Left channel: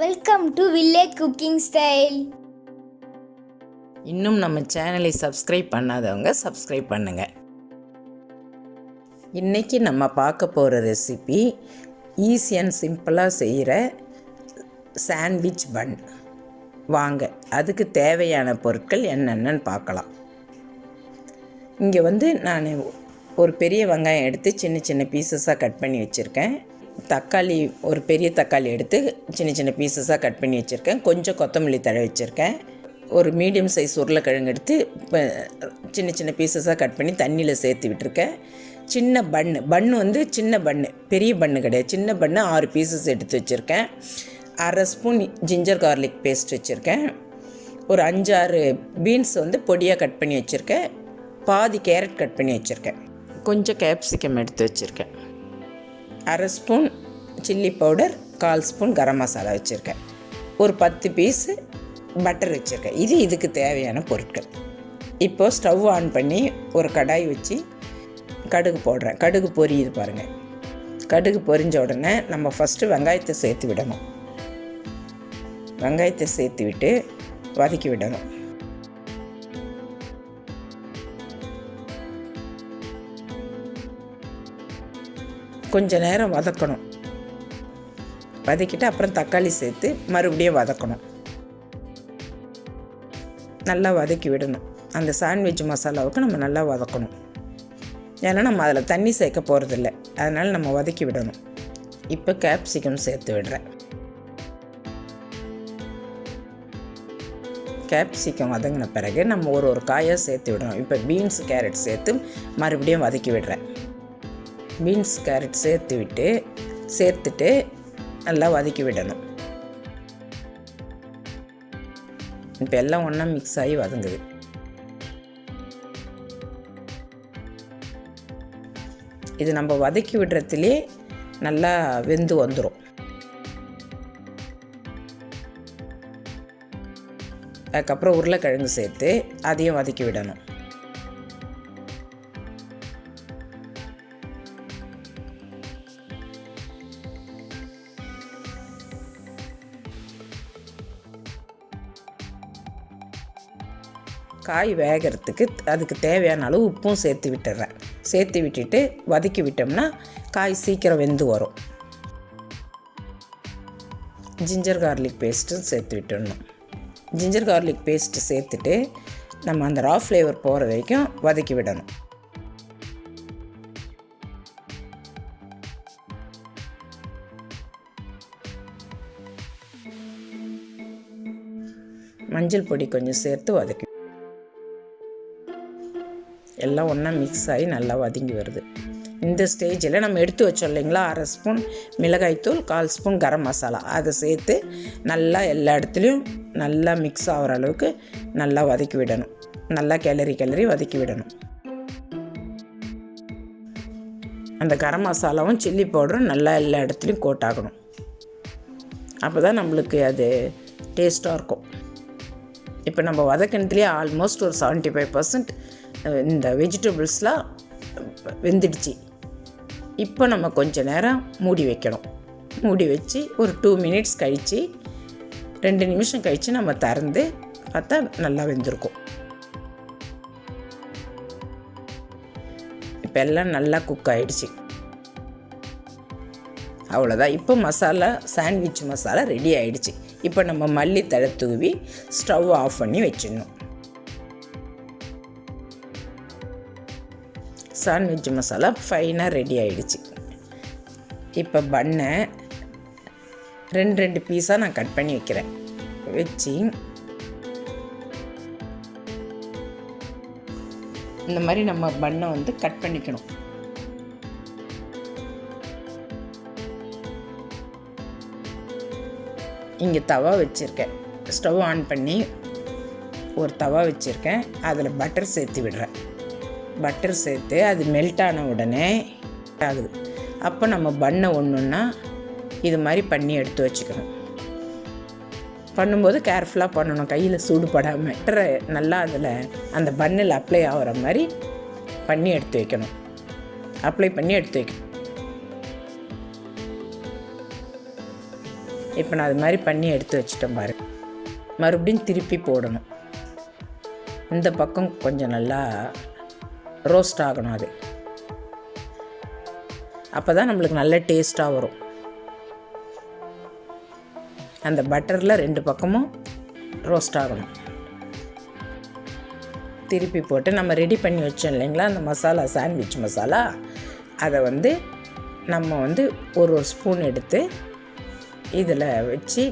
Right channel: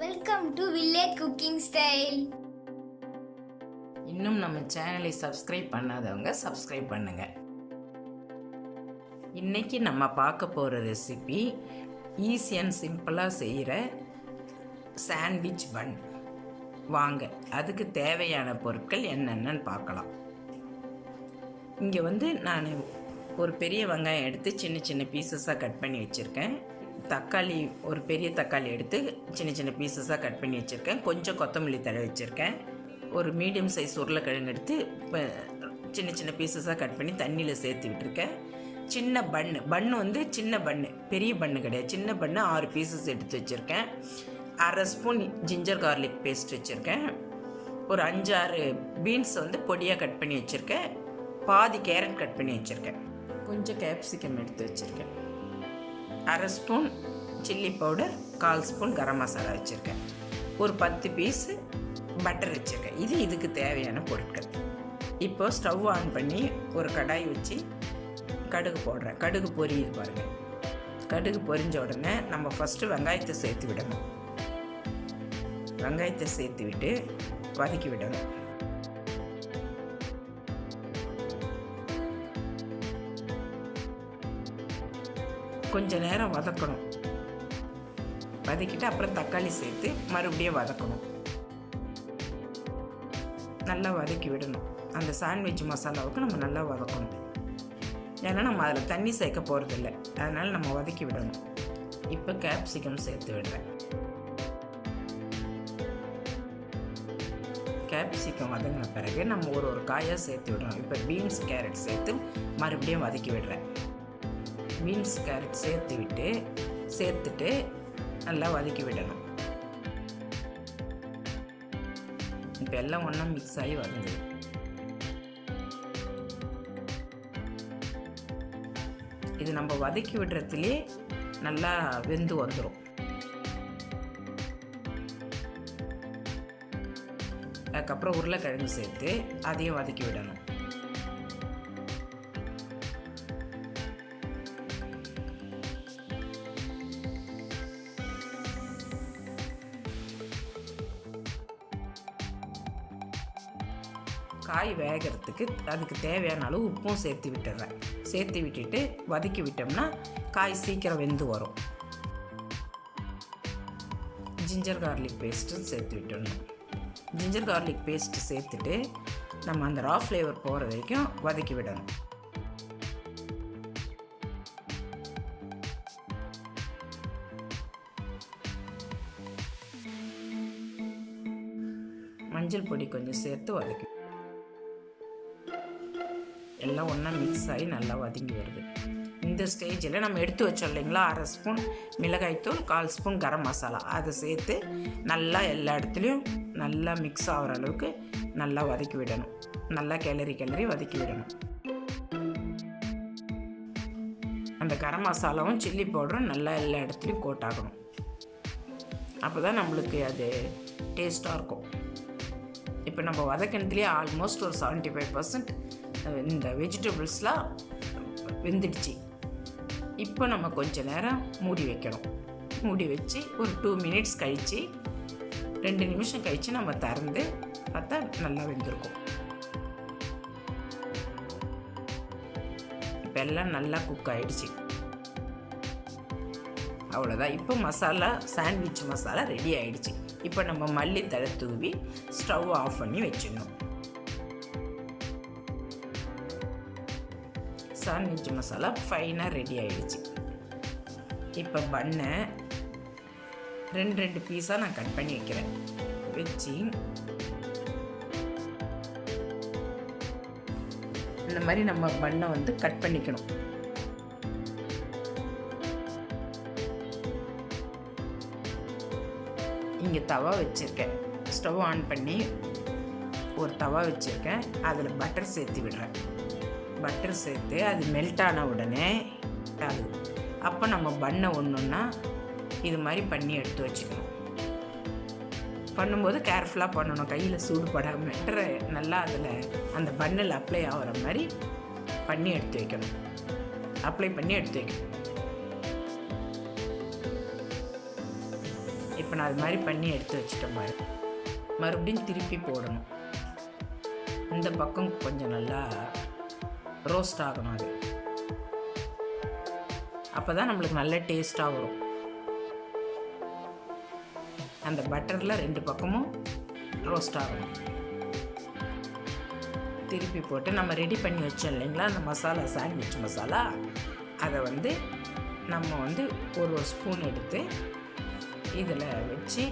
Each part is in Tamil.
Welcome to village cooking style. இன்னும் நம்ம சேனலை சப்ஸ்கிரைப் பண்ணாதவங்க சப்ஸ்கிரைப் பண்ணுங்கள். இன்றைக்கி நம்ம பார்க்க போகிற ரெசிபி ஈஸி அண்ட் சிம்பிளாக செய்கிற சாண்ட்விச் பன். வாங்க அதுக்கு தேவையான பொருட்கள் என்னென்னு பார்க்கலாம். இங்கே நான் ஒரு பெரிய வெங்காயம் எடுத்து சின்ன சின்ன பீசஸாக கட் பண்ணி வச்சுருக்கேன். தக்காளி, ஒரு பெரிய தக்காளி எடுத்து சின்ன சின்ன பீசஸாக கட் பண்ணி வச்சுருக்கேன். கொஞ்சம் கொத்தமல்லி தழை வச்சுருக்கேன். ஒரு மீடியம் சைஸ் உருளைக்கிழங்கு எடுத்து சின்ன சின்ன பீசஸாக கட் பண்ணி தண்ணியில் சேர்த்து விட்டுருக்கேன். சின்ன பன்னு சின்ன பன்னு, பெரிய பன்னு கிடையாது, சின்ன பன்னு 6 பீசஸ் எடுத்து வச்சுருக்கேன். 1/2 ஸ்பூன் ஜிஞ்சர் கார்லிக் பேஸ்ட் வச்சுருக்கேன். ஒரு 5-6 பீன்ஸ் பொடியாக கட் பண்ணி வச்சுருக்கேன். பாதி கேரட் கட் பண்ணி வச்சுருக்கேன். கொஞ்சம் கேப்சிகம் எடுத்து வச்சுருக்கேன். 1/2 spoon chilli powder, 1/4 spoon garam masala வச்சுருக்கேன். ஒரு 10 பீஸு பட்டர் வச்சுருக்கேன். இதுக்கு தேவையான பொருட்கள். இப்போது ஸ்டவ் ஆன் பண்ணி ஒரு கடாய் வச்சு கடுகு போடுறேன். கடுகு பொரியுது பாருங்கள். கடுகு பொரிஞ்ச உடனே நம்ம ஃபஸ்ட்டு வெங்காயத்தை சேர்த்து விடணும். வெங்காயத்தை சேர்த்து விட்டு வதக்கி விடணும். கொஞ்ச நேரம் வதக்கணும். வதக்கிட்டு அப்புறம் தக்காளி சேர்த்து மறுபடியும் வதக்கணும். நல்லா வதக்கி விடணும். அந்த சாண்ட்விச் மசாலாவுக்கு நம்ம நல்லா வதக்கணும். ஏன்னா நம்ம அதில் தண்ணி சேர்க்க போகிறதில்ல, அதனால் நம்ம வதக்கி விடணும். இப்போ கேப்சிகம் சேர்த்து விடுறேன். கேப்சிகம் வதங்கின பிறகு நம்ம ஒரு காயாக சேர்த்து விடணும். இப்போ பீன்ஸ், கேரட் சேர்த்து மறுபடியும் வதக்கி விடுறேன். பீன்ஸ், கேரட் சேர்த்துட்டு நல்லா வதக்கி விடணும். இப்போ எல்லாம் ஒன்றா மிக்ஸ் ஆகி வதங்குது. இது நம்ம வதக்கி விடுறதுலே நல்லா வெந்து வந்துடும். அதுக்கப்புறம் உருளைக்கிழங்கு சேர்த்து அதையும் வதக்கி விடணும். காய் வேகிறதுக்கு அதுக்கு தேவையான அளவு உப்பும் சேர்த்து விட்டுறேன். சேர்த்து விட்டுட்டு வதக்கி விட்டோம்னா காய் சீக்கிரம் வெந்து வரும். ஜிஞ்சர் கார்லிக் பேஸ்ட்டும் சேர்த்து விட்டுடணும். ஜிஞ்சர் கார்லிக் பேஸ்ட்டு சேர்த்துட்டு நம்ம அந்த ரா ஃப்ளேவர் போகிற வரைக்கும் வதக்கி விடணும். மஞ்சள் பொடி கொஞ்சம் சேர்த்து வதக்கி எல்லாம் ஒன்றா மிக்ஸ் ஆகி நல்லா வதங்கி வருது. இந்த ஸ்டேஜில் நம்ம எடுத்து வச்சோம் இல்லைங்களா, 1/2 ஸ்பூன் மிளகாய்த்தூள், 1/4 ஸ்பூன் கரம் மசாலா, அதை சேர்த்து நல்லா எல்லா இடத்துலையும் நல்லா மிக்ஸ் ஆகிற அளவுக்கு நல்லா வதக்கி விடணும். நல்லா கிளறி வதக்கி விடணும். அந்த கரம் மசாலாவும் சில்லி பவுடரும் நல்லா எல்லா இடத்துலையும் கோட் ஆகணும். அப்போ தான் நம்மளுக்கு அது டேஸ்ட்டாக இருக்கும். இப்போ நம்ம வதக்கினதுலேயே ஆல்மோஸ்ட் ஒரு 75% இந்த வெஜிடபிள்ஸ்லாம் வெந்துடுச்சு. இப்போ நம்ம கொஞ்சம் நேரம் மூடி வைக்கணும். மூடி வச்சு ஒரு 2 மினிட்ஸ் கழித்து, 2 நிமிஷம் கழித்து நம்ம திறந்து பார்த்தா நல்லா வெந்திருக்கும். இப்போ எல்லாம் நல்லா குக் ஆகிடுச்சு. அவ்வளோதான். இப்போ சாண்ட்விச் மசாலா ரெடி ஆகிடுச்சு. இப்போ நம்ம மல்லித்தழை தூவி ஸ்டவ் ஆஃப் பண்ணி வச்சிடணும். சாண்ட்விச் மசாலா ஃபைனாக ரெடி ஆகிடுச்சு. இப்போ பன்னை 2 பீஸாக நான் கட் பண்ணி வைக்கிறேன். வச்சு இந்த மாதிரி நம்ம பன்னை கட் பண்ணிக்கணும். இங்கே தவா வச்சுருக்கேன். ஸ்டவ் ஆன் பண்ணி ஒரு தவா வச்சுருக்கேன். அதில் பட்டர் சேர்த்து விடுறேன். பட்டர் சேர்த்து அது மெல்ட் ஆன உடனே ஆகுது. அப்போ நம்ம பன்னை ஒன்றுன்னா இது மாதிரி பண்ணி எடுத்து வச்சுக்கணும். பண்ணும்போது கேர்ஃபுல்லாக பண்ணணும், கையில் சூடு படாமல். பட்டரை நல்லா அதில் அந்த பன்னில் அப்ளை ஆகிற மாதிரி பண்ணி எடுத்து வைக்கணும். அப்ளை பண்ணி எடுத்து வைக்கணும். இப்போ நான் அது மாதிரி பண்ணி எடுத்து வச்சுட்டேன் பாரு. மறுபடியும் திருப்பி போடணும். இந்த பக்கம் கொஞ்சம் நல்லா ரோஸ்ட் ஆகணும். அது அப்போ தான் நம்மளுக்கு நல்ல டேஸ்ட்டாக வரும். அந்த பட்டரில் 2 பக்கமும் ரோஸ்ட் ஆகணும். திருப்பி போட்டு நம்ம ரெடி பண்ணி வச்சோம் இல்லைங்களா அந்த மசாலா, சாண்ட்விச் மசாலா, அதை நம்ம ஒரு ஸ்பூன் எடுத்து இதில் வச்சு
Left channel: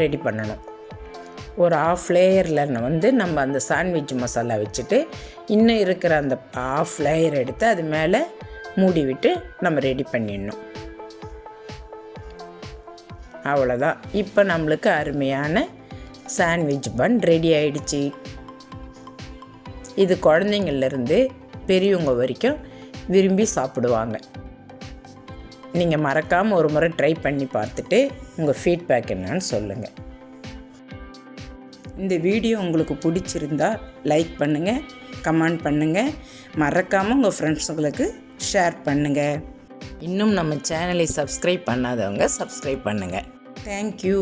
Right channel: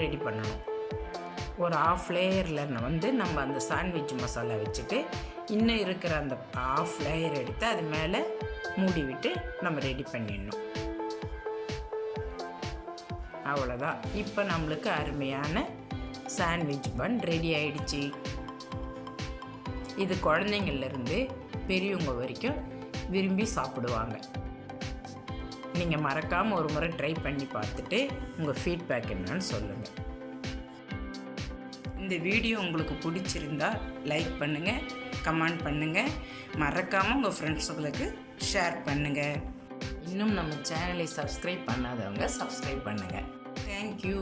ரெடி பண்ணணும். ஒரு 1/2 லேயரில் நம்ம அந்த சாண்ட்விச் மசாலா வச்சுட்டு இன்னும் இருக்கிற அந்த 1/2 லேயர் எடுத்து அது மேலே மூடி விட்டு நம்ம ரெடி பண்ணிடணும். அவ்வளோதான். இப்போ நம்மளுக்கு அருமையான சாண்ட்விச் பன் ரெடி ஆயிடுச்சு. இது குழந்தைங்கள்லேருந்து பெரியவங்க வரைக்கும் விரும்பி சாப்பிடுவாங்க. நீங்கள் மறக்காமல் ஒரு முறை ட்ரை பண்ணி பார்த்துட்டு உங்கள் ஃபீட்பேக் என்னன்னு சொல்லுங்கள். இந்த வீடியோ உங்களுக்கு பிடிச்சிருந்தா லைக் பண்ணுங்கள், கமெண்ட் பண்ணுங்கள், மறக்காமல் உங்கள் ஃப்ரெண்ட்ஸுங்களுக்கு ஷேர் பண்ணுங்கள். இன்னும் நம்ம சேனலை சப்ஸ்கிரைப் பண்ணாதவங்க சப்ஸ்கிரைப் பண்ணுங்கள். தேங்க்யூ.